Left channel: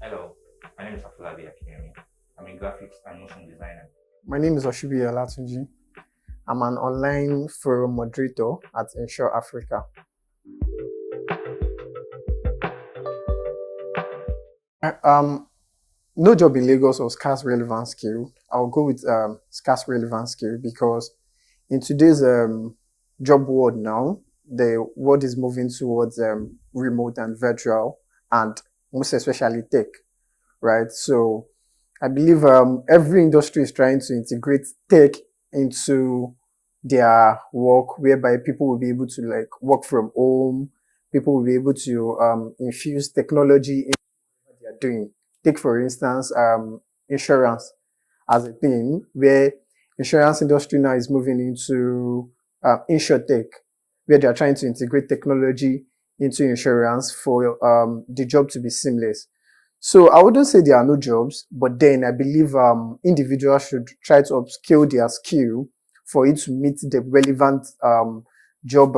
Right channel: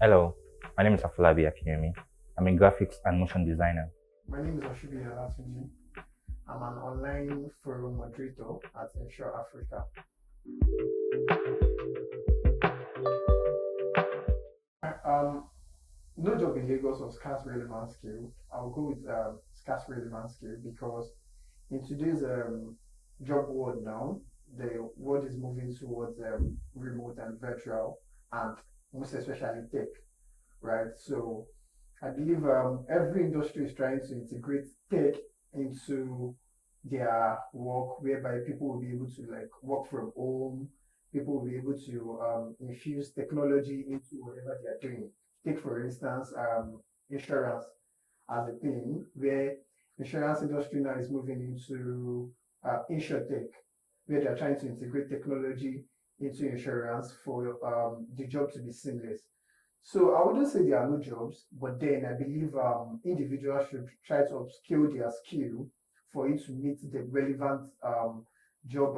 Hello, my name is Afolabi Akiyemi. I'm a graphics and motion designer. My name is Oshibi Olatunji. I'm an online forum moderator at Ensure Africa. Um, no job in Lagos or scarce relevant skill. I'll go with scarce relevant skill because in today's job world now, the world is moving towards remote and virtual, and most especially tech, right? So I believe every industry is trying to integrate tech into their work, whereby people will be able to like work from home. People will be able to infuse technology into whatever they are doing. Take for instance, insurance as a thing, where insurance industry now is moving into insurtech, where they are trying to integrate technology into insurance for the job to be seamless. So I wouldn't say there are no jobs, but then I believe individuals should try to upskill their skill for it to meet the relevant job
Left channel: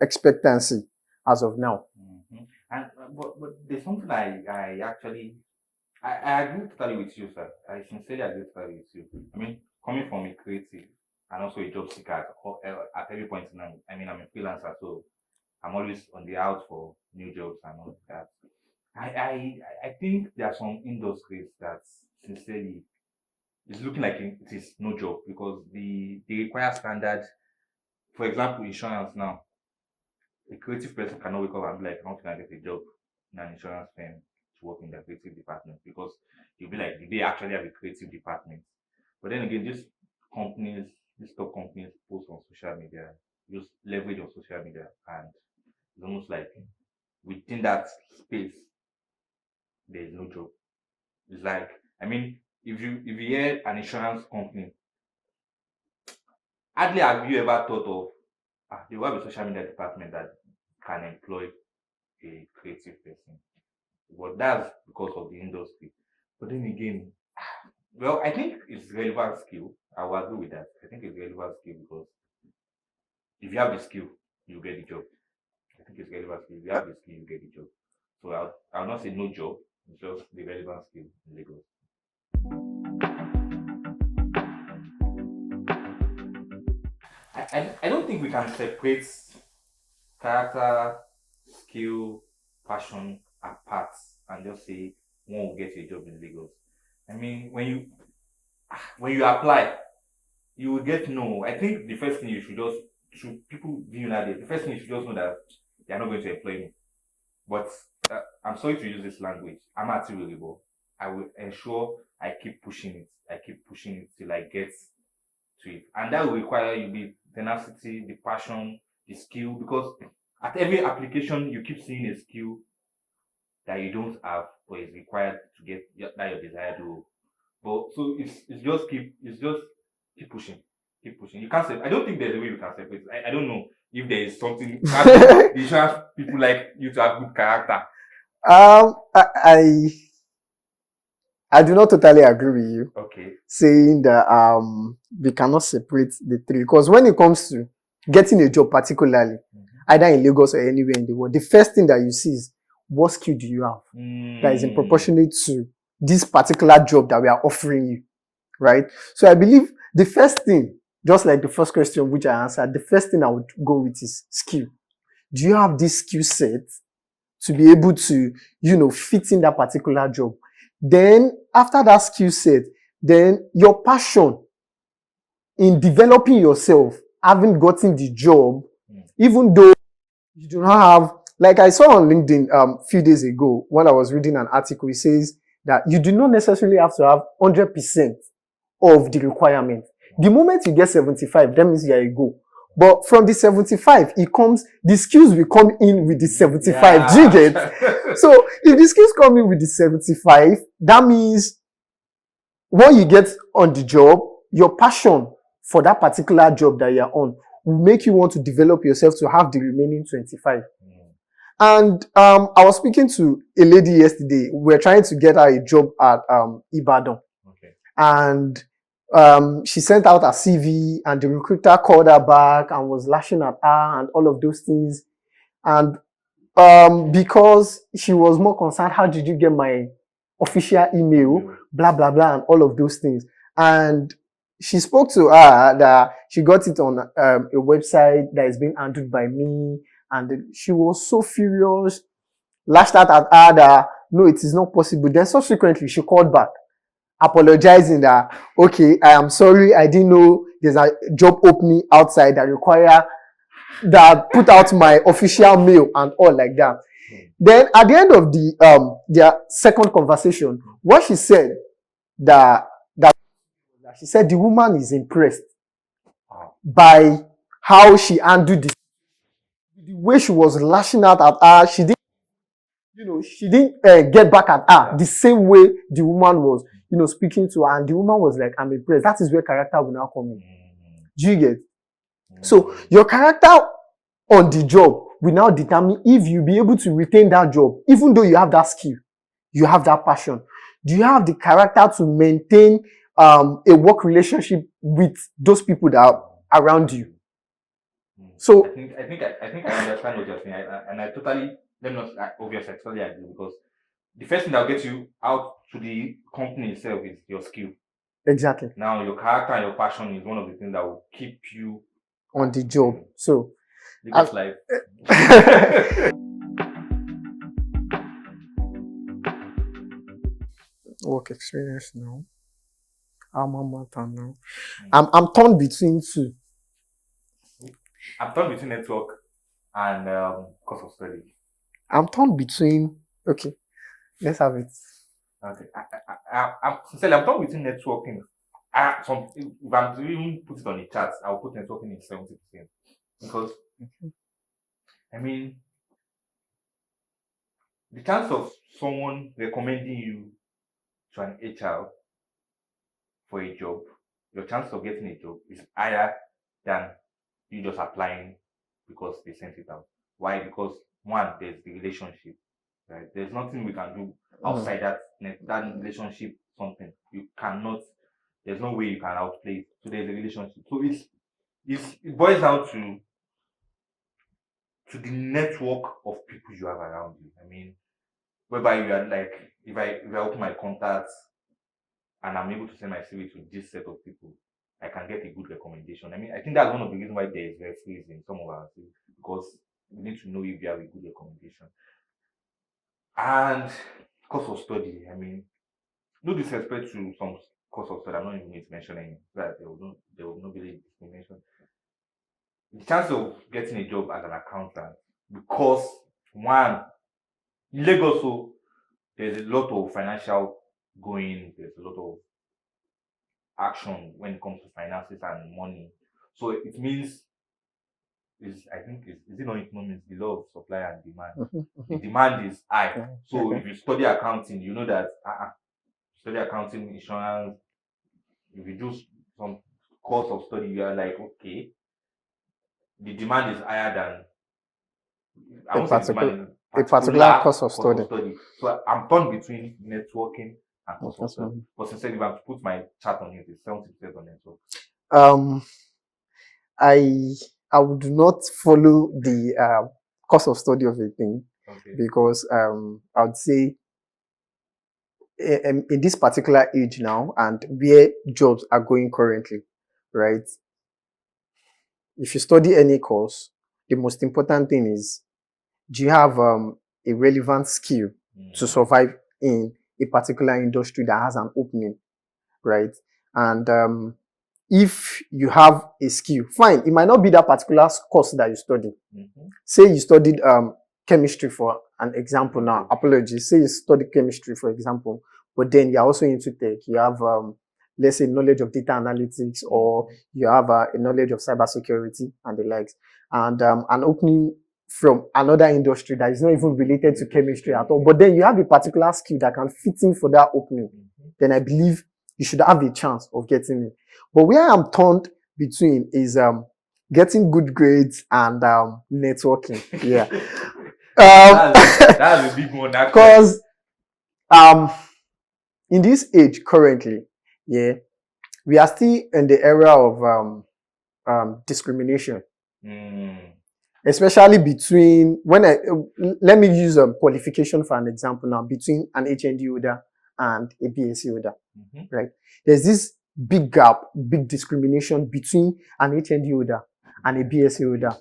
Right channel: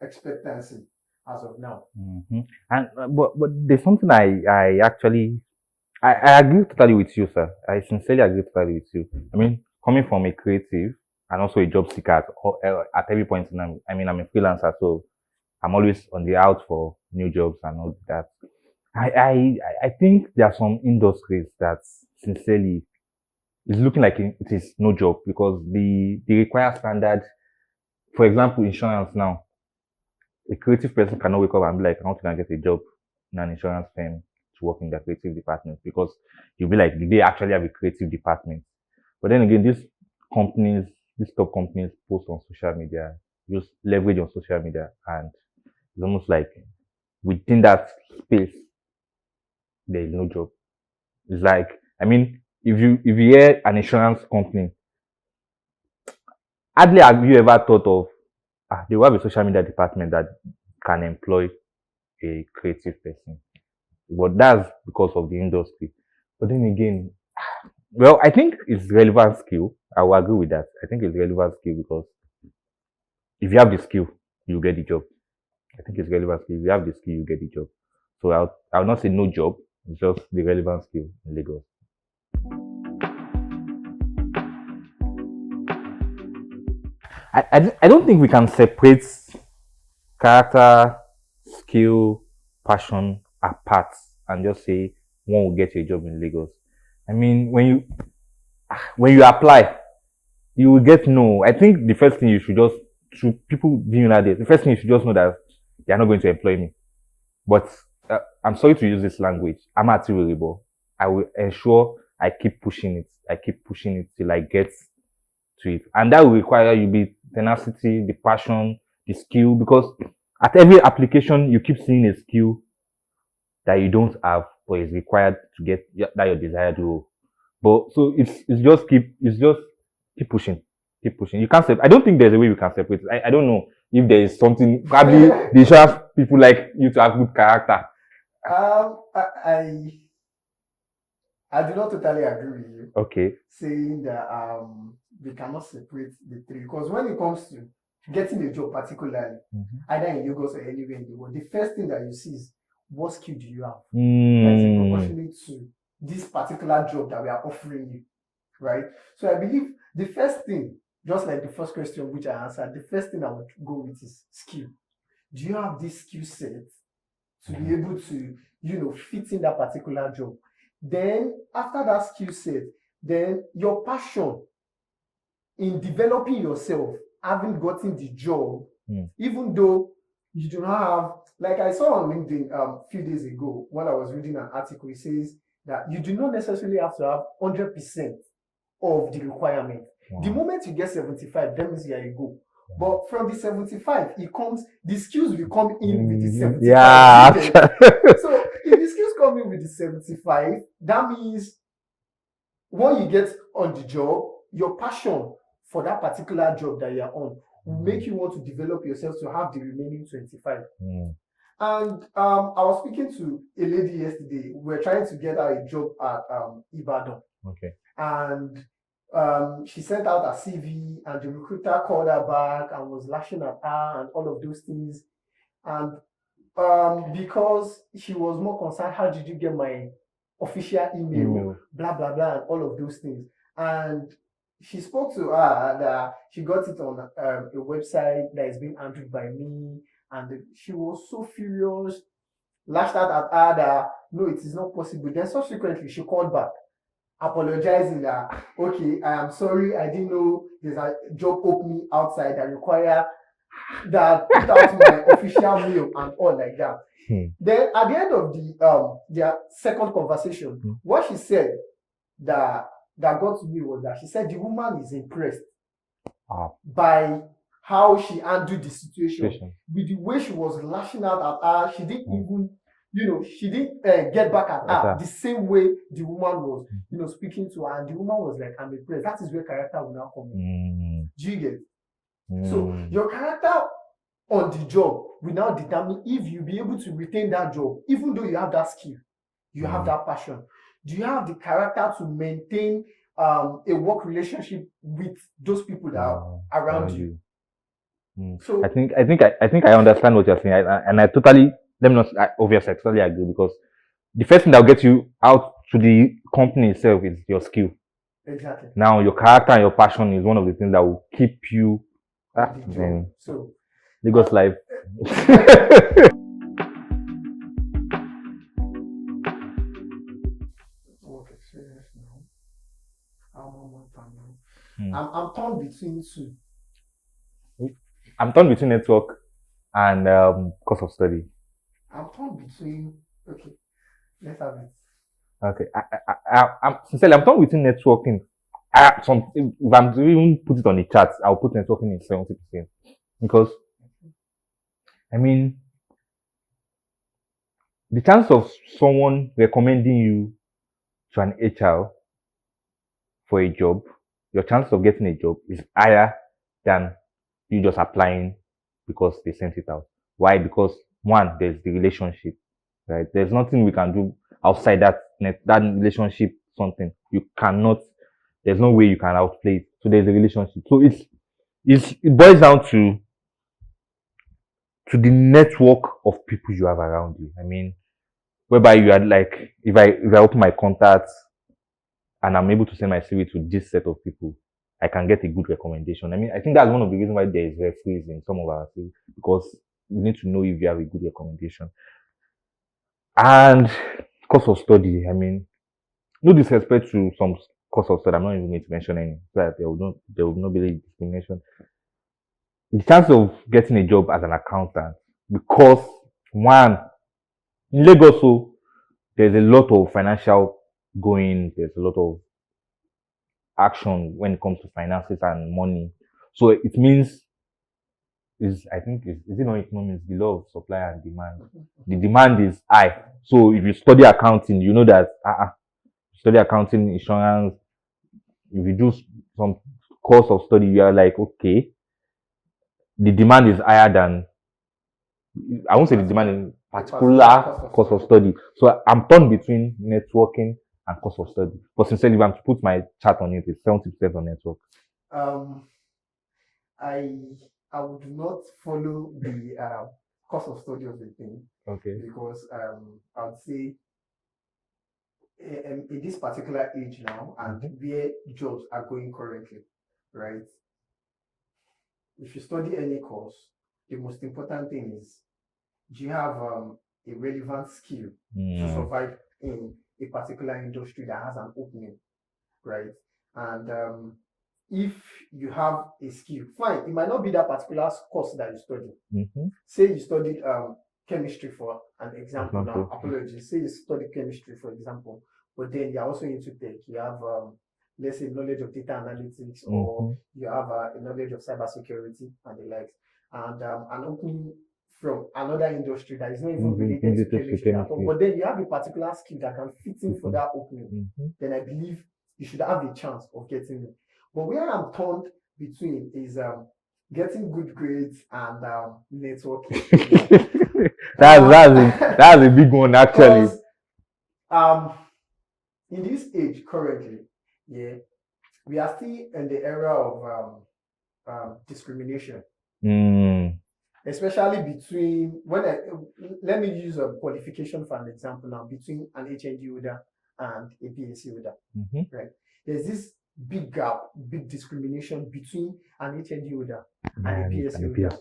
expectancy as of now. And but there's something I agree totally with you, sir. I sincerely agree totally with you. I mean, coming from a creative and also a job seeker at every point in time. I mean, I'm a freelancer, so I'm always on the out for new jobs and all that. I think there are some industries that sincerely is looking like it is no job because the required standard, for example, insurance now. A creative person cannot wake up and be like, I want to get a job in an insurance firm to work in the creative department because you'll be like, did they actually have a creative department? But then again, companies, these top companies post on social media, use leverage on social media, and it's almost like within that space, there is no job. It's like, I mean, if you hear an insurance company, hardly have you ever thought of they will have a social media department that can employ a creative person. But that's because of the industry. But then again, well, I think it's relevant skill. I will agree with that. I think it's relevant skill because if you have the skill, you get the job. I think it's relevant skill. If you have the skill, you get the job. So I'll not say no job. It's just the relevant skill in Lagos. I don't think we can separate character, skill, passion apart and just say one will get a job in Lagos. I mean, when you apply, you will get no. I think the first thing you should just to people being that day, the first thing you should just know that they are not going to employ me. But I'm sorry to use this language. I'm achievable. I will ensure I keep pushing it. I keep pushing it till I get to it, and that will require you the tenacity, the passion, the skill. Because at every application, you keep seeing a skill that you don't have, but is required to get that your desired role. But so it's just keep pushing, keep pushing. You can't I don't think there's a way you can separate. I don't know if there is something. Probably they should have people like you to have good character. Um, I, I I do not totally agree with you Okay. saying that we cannot separate the three because when it comes to getting a job, particularly either in Lagos or anywhere in the world, the first thing that you see is what skill do you have that is proportionate to this particular job that we are offering you, right? So I believe the first thing, just like the first question which I answered, the first thing I would go with is skill. Do you have this skill set to be able to, fit in that particular job? Then after that skill set, then your passion in developing yourself, having gotten the job, even though you do not have, like I saw on LinkedIn a few days ago when I was reading an article, it says that you do not necessarily have to have 100% of the requirement. The moment you get 75, that means you are a go. But from the 75, the skills will come in with the 75. Yeah. Do you get? So if the skills come in with the 75, that means when you get on the job, your passion for that particular job that you're on will make you want to develop yourself to have the remaining 25. And I was speaking to a lady yesterday. We were trying to get her a job at Ibadan. Okay. And she sent out her CV and the recruiter called her back and was lashing at her and all of those things. And Because she was more concerned, how did you get my official email, blah blah blah, and all of those things. And she spoke to her that she got it on a website that is being handled by me, and she was so furious, lashed out at her that no, it is not possible. Then subsequently she called back, apologizing that okay, I am sorry, I didn't know there's a job opening outside that require that put out my official mail and all like that. Then at the end of their second conversation, what she said that got to me was that she said the woman is impressed by how she handled the situation. With the way she was lashing out at her, she didn't even, she didn't get back at her the same way the woman was, speaking to her, and the woman was like, I'm impressed. That is where character will now come in. Do you get? So your character on the job will now determine if you'll be able to retain that job, even though you have that skill, you have that passion. Do you have the character to maintain a work relationship with those people that are around you? So I think I understand what you're saying, and I totally, let me not obviously I totally agree, because the first thing that will get you out to the company itself is your skill. Exactly. Now your character and your passion is one of the things that will keep you on the job. So Lagos life. Work experience now. Now. I'm torn between two. I'm torn between network and course of study. I'm torn between. Okay, let's have it. Okay, I'm sincerely, I'm torn between networking. If I'm to even put it on the chart, I'll put networking in 70%, because I mean, the chance of someone recommending you to an HR for a job, your chance of getting a job is higher than you just applying because they sent it out. Why? Because one, there's the relationship, right? There's nothing we can do outside that relationship. Something you cannot. There's no way you can outplay it. So there's a relationship. So it boils down to the network of people you have around you. I mean, whereby you are like, if I open my contacts and I'm able to send my CV to this set of people, I can get a good recommendation. I mean, I think that's one of the reasons why there is referees in some of our CV, because you need to know if you have a good recommendation. And course of study, I mean, no disrespect to some course of study, I'm not even going to mention any, so that there will not be any discrimination. The chance of getting a job as an accountant, because one, in Lagos, so there's a lot of financial going, there's a lot of action when it comes to finances and money. So it means is it not economics, the law of supply and demand. The demand is high. So if you study accounting, you know that study accounting, insurance, if you do some course of study, you are like, okay, the demand is higher than, I won't say the demand in particular course of study. So I'm torn between networking and course of study. But sincerely, if I'm to put my chart on it, it's 70% on network. I would not follow the course of study of a thing, because I would say in this particular age now, and where jobs are going currently, right? If you study any course, the most important thing is, do you have a relevant skill to survive in a particular industry that has an opening, right? And if you have a skill, fine, it might not be that particular course that you study. Say you studied chemistry, for an example. Now, apologies, say you studied chemistry, for example, but then you're also into tech. You have let's say knowledge of data analytics, or you have a knowledge of cybersecurity and the likes, and an opening from another industry that is not even related to chemistry at all, but then you have a particular skill that can fit in for that opening, then I believe you should have a chance of getting it. But where I'm torn between is getting good grades and networking. Yeah, that's a big one, actually. Because in this age currently, yeah, we are still in the era of discrimination. especially between let me use a qualification for an example now between an HND holder and a BSc holder, right? There's this big gap, big discrimination between an HND holder and a BSc holder.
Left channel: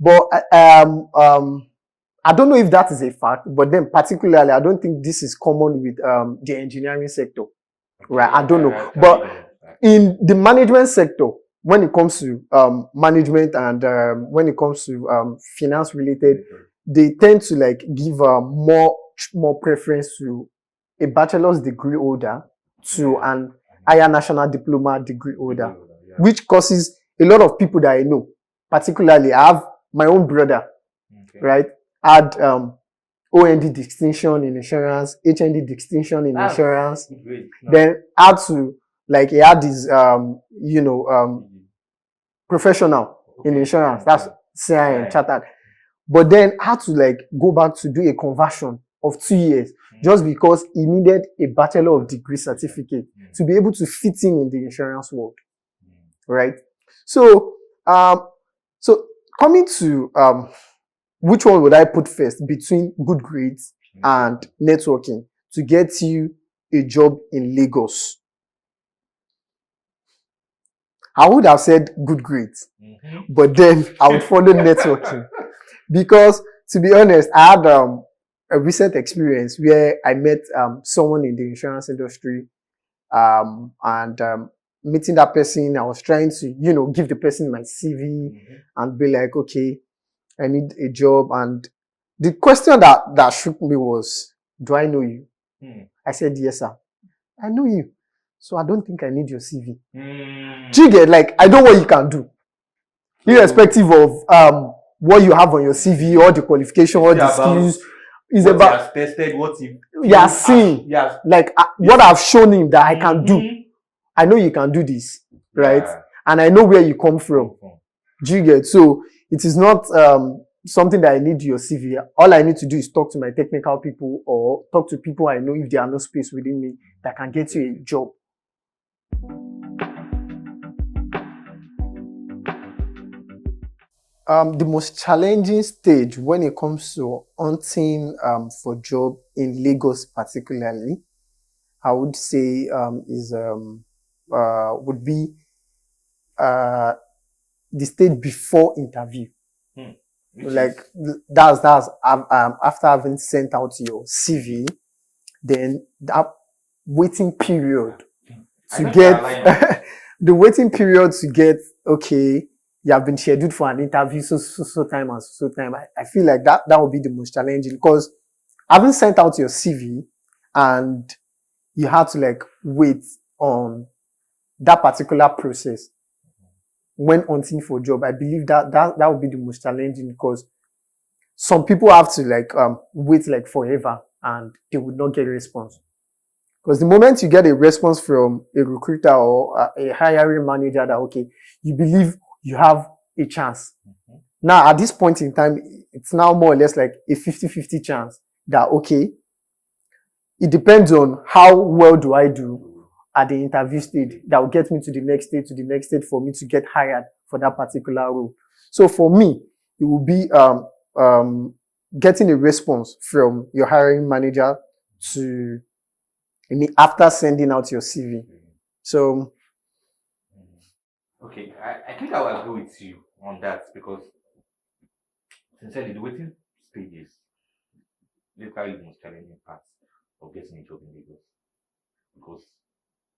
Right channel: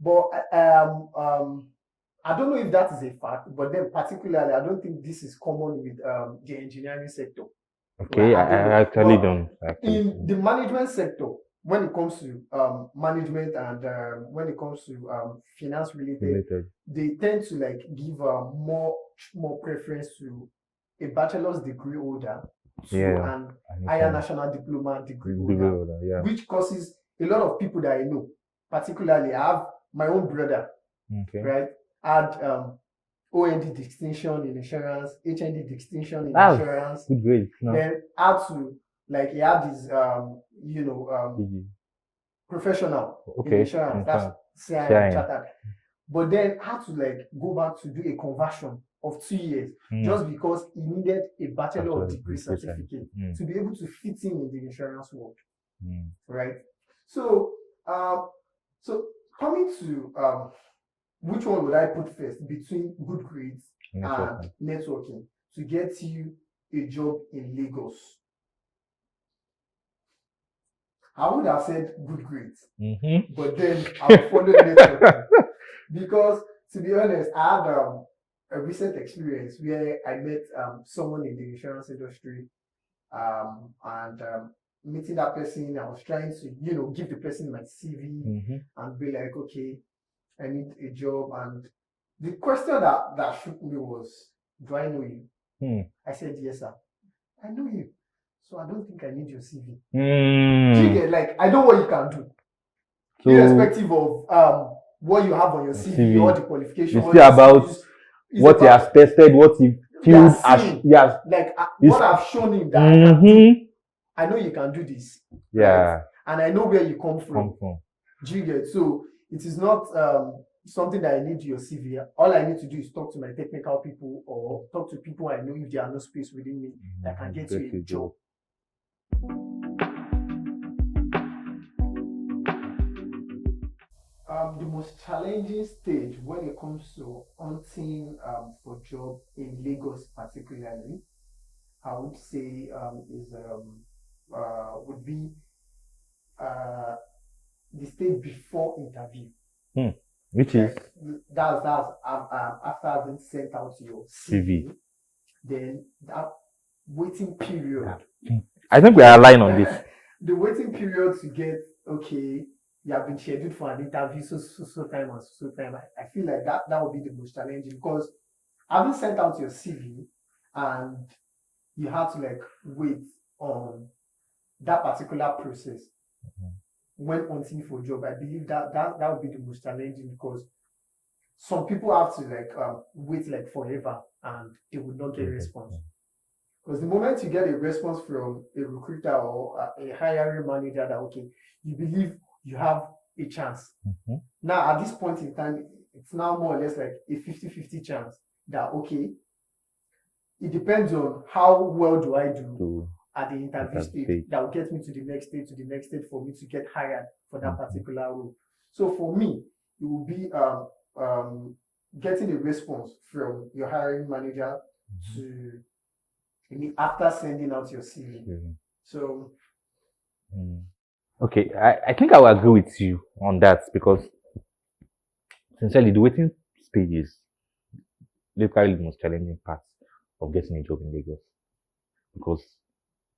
But I don't know if that is a fact, but then particularly, I don't think this is common with the engineering sector. Okay, right? I don't know. But in the management sector, when it comes to management and when it comes to finance related, they tend to like give more preference to a bachelor's degree holder to an higher national diploma degree holder, which causes a lot of people that I know, particularly I have my own brother, right, had OND distinction in insurance, HND distinction in insurance, then had to like he had his professional in insurance, that's CIM chartered, but then had to like go back to do a conversion of 2 years just because he needed a bachelor of degree certificate to be able to fit in the insurance world, right? So so coming to which one would I put first between good grades and networking to get you a job in Lagos? I would have said good grades, but then I would follow networking because, to be honest, I had a recent experience where I met someone in the insurance industry, and meeting that person, I was trying to, give the person my CV and be like, okay, I need a job. And the question that shook me was, do I know you? I said, yes, sir. I know you. So I don't think I need your CV. Do you get, like, I know what you can do. So, irrespective of what you have on your CV or the qualification or the skills. What he has tested, what he has seen. Like what I've shown him that I can do. I know you can do this. Right? And I know where you come from. Do you get? So it is not something that I need your CV. All I need to do is talk to my technical people or talk to people I know if there are no space within me that can get you a job. The most challenging stage when it comes to hunting for job in Lagos particularly, I would say would be the stage before interview. That's after having sent out your CV, then that waiting period. I think we are aligned on this. The waiting period to get, okay, you have been scheduled for an interview so time and so time. I feel like that would be the most challenging because having sent out your CV and you had to like wait on that particular process when hunting for a job, I believe that would be the most challenging because some people have to like wait like forever and they would not get a response. Because the moment you get a response from a recruiter or a hiring manager that, okay, you believe you have a chance. Now, at this point in time, it's now more or less like a 50-50 chance that, okay, it depends on how well do I do at the interview stage that will get me to the next stage for me to get hired for that particular role. So for me, it will be getting a response from your hiring manager to after sending out your CV. So okay, I think I will agree with you on that because sincerely the waiting stage is literally the most challenging part of getting a job in Lagos. Because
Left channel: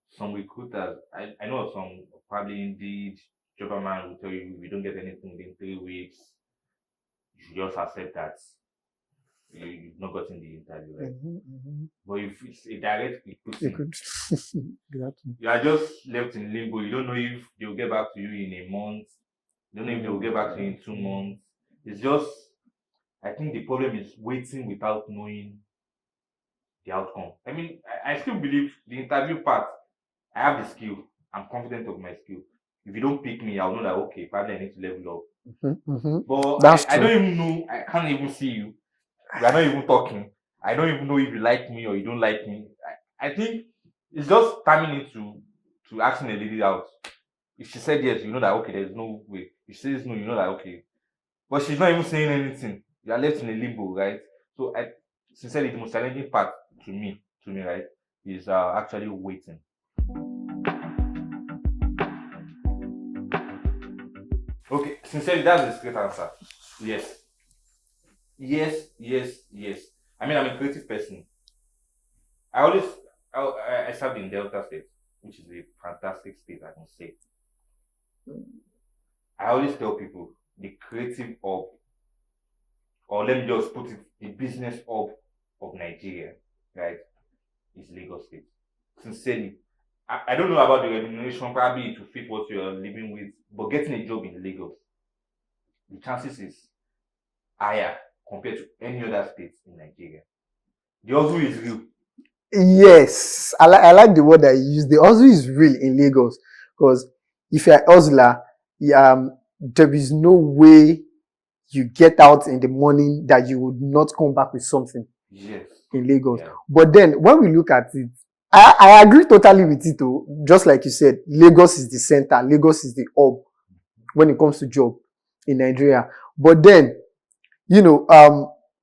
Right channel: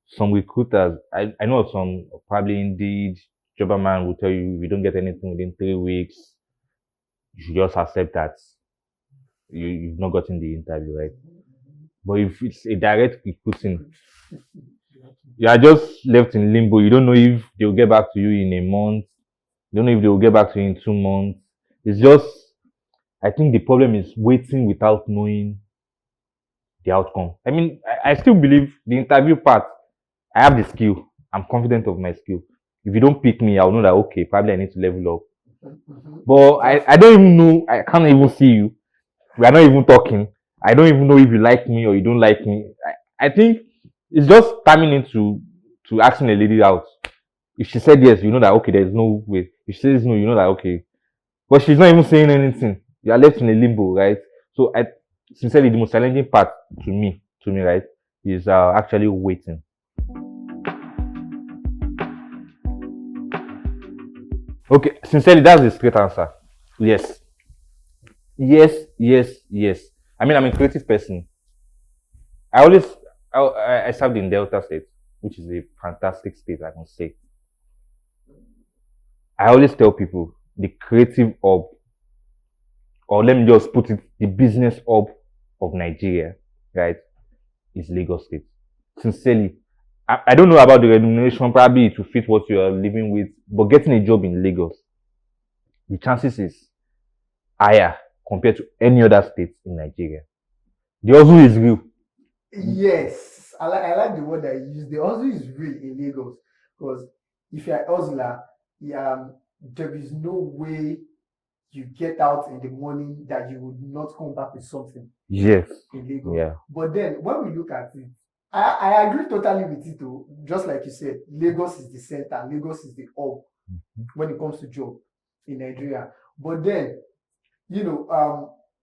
some recruiters, I know some probably Indeed, Jobberman will tell you if you don't get anything within 3 weeks, you should just accept that you've not gotten the interview, right? But if it's a direct recruiting, you are just left in limbo. You don't know if they'll get back to you in a month. You don't know if they'll get back to you in 2 months. It's just, I think the problem is waiting without knowing the outcome. I mean, I still believe the interview part, I have the skill. I'm confident of my skill. If you don't pick me, I'll know that, okay, probably I need to level up. But I don't even know, I can't even see you. We are not even talking. I don't even know if you like me or you don't like me. I think it's just timing into asking a lady out. If she said yes, you know that, okay, there's no way. If she says no, you know that, okay, But she's not even saying anything. You are left in a limbo, right? So I sincerely the most challenging part to me, right, is actually waiting. Okay, sincerely, that's the straight answer. Yes. Yes, yes, yes. I mean, I'm a creative person. I always I served in Delta State, which is a fantastic state, I can say. I always tell people the creative hub, or let me just put it, the business hub of Nigeria, right, is Lagos State. Sincerely, I don't know about the remuneration, probably to fit what you are living with, but getting a job in Lagos, the chances is higher compared to any other state in Nigeria. The hustle is real. Yes, I like the word that you use. The hustle is real in Lagos because if you're a hustler, there is no way you get out in the morning that you would not come back with something. Yes. In Lagos. Yeah. But then when we look at it, I agree totally with it too. Just like you said, Lagos is the center, Lagos is the hub when it comes to job in Nigeria. But then,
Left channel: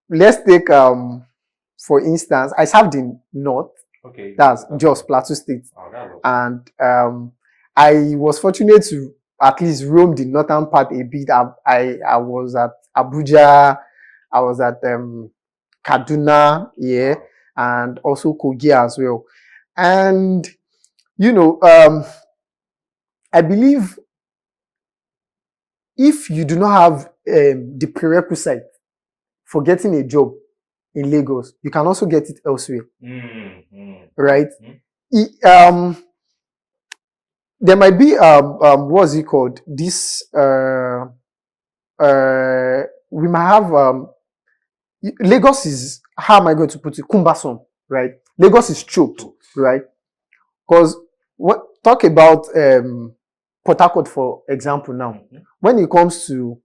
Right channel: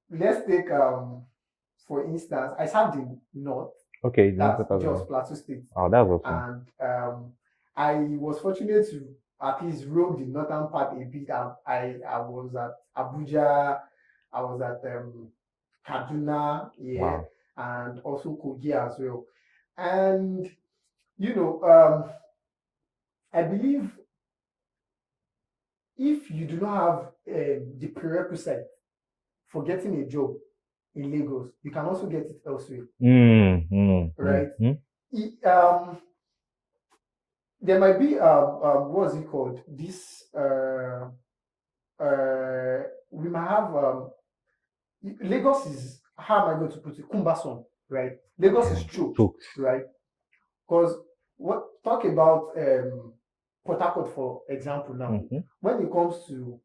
let's take for instance, I served in North. Okay. That's Jos Plateau State. Oh, that's awesome. And I was fortunate to at least roam the northern part a bit. I was at Abuja, I was at Kaduna, Wow. and also Kogi as well. And I believe if you do not have the prerequisite for getting a job in Lagos, you can also get it elsewhere. Right? There might be what's it called? This we might have Lagos is, how am I going to put it, cumbersome, right? Lagos is choked, right? Because talk about Port Harcourt, for example, now. When it comes to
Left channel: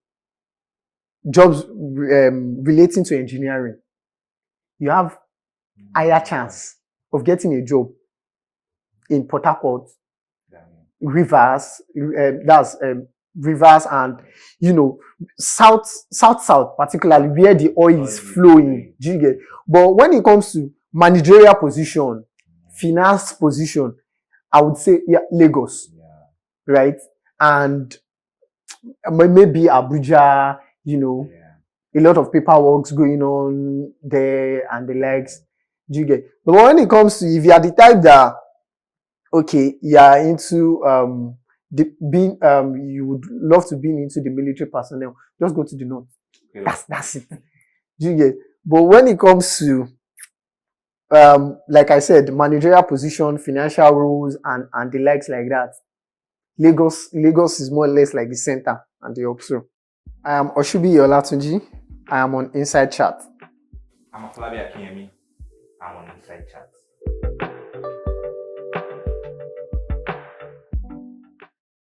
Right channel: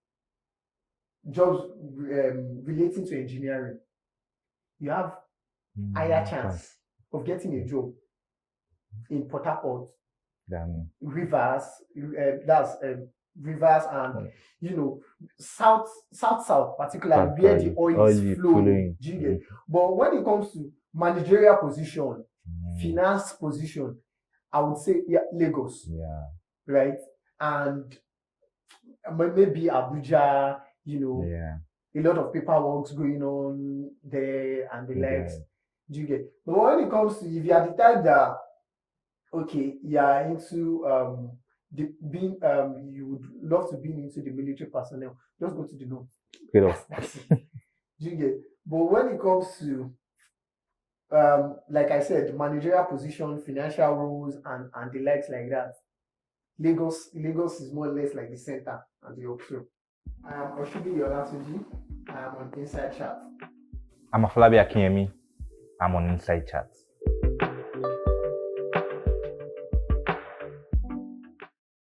jobs relating to engineering, you have higher chance of getting a job in Port Harcourt, Rivers, that's Rivers, and south, particularly where the oil is flowing. Do you get? But when it comes to managerial position, finance position, I would say Lagos, right? And maybe Abuja, a lot of paperwork's going on there and the likes. Do you get? But when it comes to, if you are the type that, okay, you are into you would love to be into the military personnel, just go to the north. That's it. Do you get? But when it comes to like I said, managerial position, financial roles, and the likes like that, Lagos is more or less like the center and the hub. I am Oshubi Olatunji. I am on Inside Chat. I'm Afolabi Akinyemi. I'm on Inside Chat.